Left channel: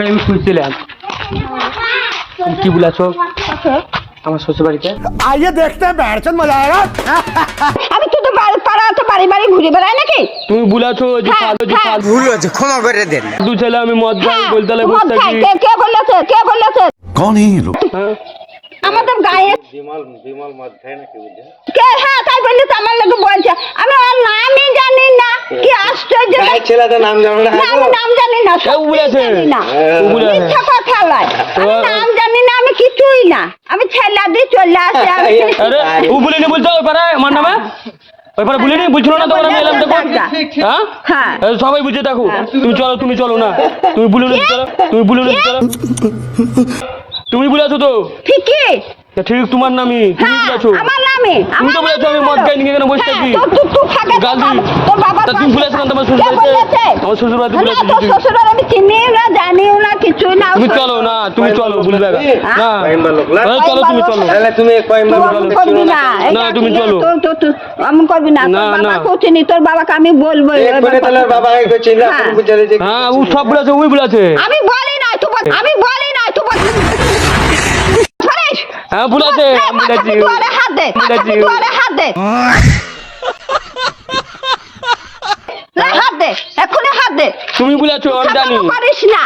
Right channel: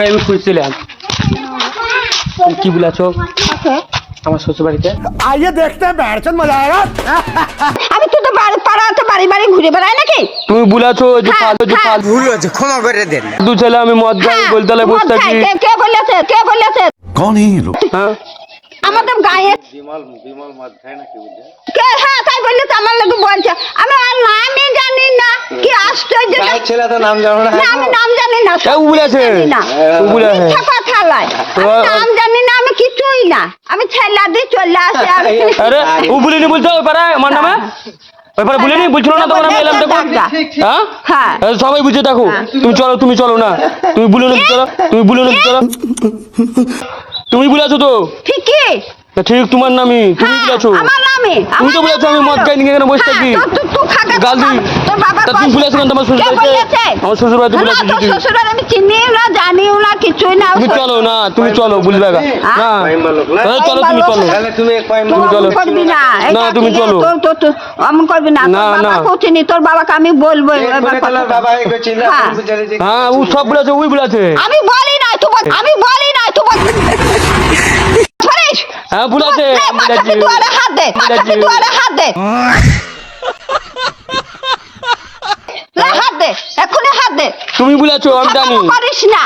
আমি খুঁজছিলাম কি বলেছো আমার শ্বশুর বাড়িতে आइए देखते हैं बैठचंद मजा आएगा। আমি তো তো পাড়াতে বাড়ি বাড়ি ঘুরে বেড়াই নাকি? তুমি বলেছো যে ফালতু যে ফালতু ভুল হয়েছে ক্ষমা করে দেন। দু ছেলে আমি মদ খাই বলতে বসে থাকি কে বলেছে कौन है ये लोग? হ্যাঁ আমাদের গায়ে বিমল মদ খায় নাকি বুঝলে? হ্যাঁ তাই বললি তো আমার লোক বলছে আমি আর নামই জানি না কি আশ্চর্য গায়ের ছেলে তো নাম জানো না? না, আমি নাম জানি না কেউ বলেছে জানি না ও বলেছে মিথ্যা কথা লয় আমি নাম জানি না আমি কিছুই না আমি ছেলে দিয়ে চলে আসি আরে ও বলিনি বলছো ওপারে আমার নামে ওপারে বলিনি বুঝছো না তোমার আমি এলাম দেখো হ্যাঁ হ্যাঁ এই সবাই বুঝে দেখো তুমি চলো না তুমি বলিনি চলো তুমি বলেছো তো ঠিকই ঠিক তোমার নামই তুমি বলেছো আমার নামে তুমি তো বলেছো আমি মদ খাই নি কেন বসে থাকি তুই খাগা গাল দিই তোর বাবা তা তুমি বলেছো কেন তোমার শ্বশুর বাড়িতে আমার শ্বশুর বাড়িতে বলেছো তোর যদি শ্বশুর আমি চিনিও না জানিও না কিছুই না তুমি চলো না তুমি চলো বলি দেখা না কয়েম্বার লোক না? এই চলো তুমি চলো তাহলে তুমি কয়েম্বার লোক চলো। করবি না না, তুমি চলো। তোর আমি করবি না না, তোর না। বাবা কোচিনি তোর বাবাকে আমি বলবো এবার করে তাহলে কথা। বাবা একটু চিল্লা হ্যাঁ। বুঝে যে হ্যাঁ ও সব বলেছে ওই বলেছে আমি বলি না তুই আমি বলি না তুই ফরেশ হ্যাঁ বলেছে আমি বলেছি তুই হাত দে বলেছি। তুই হাত দে হাত দে এখনই হাত দে তুমি বলেছো আমি জানি করিস না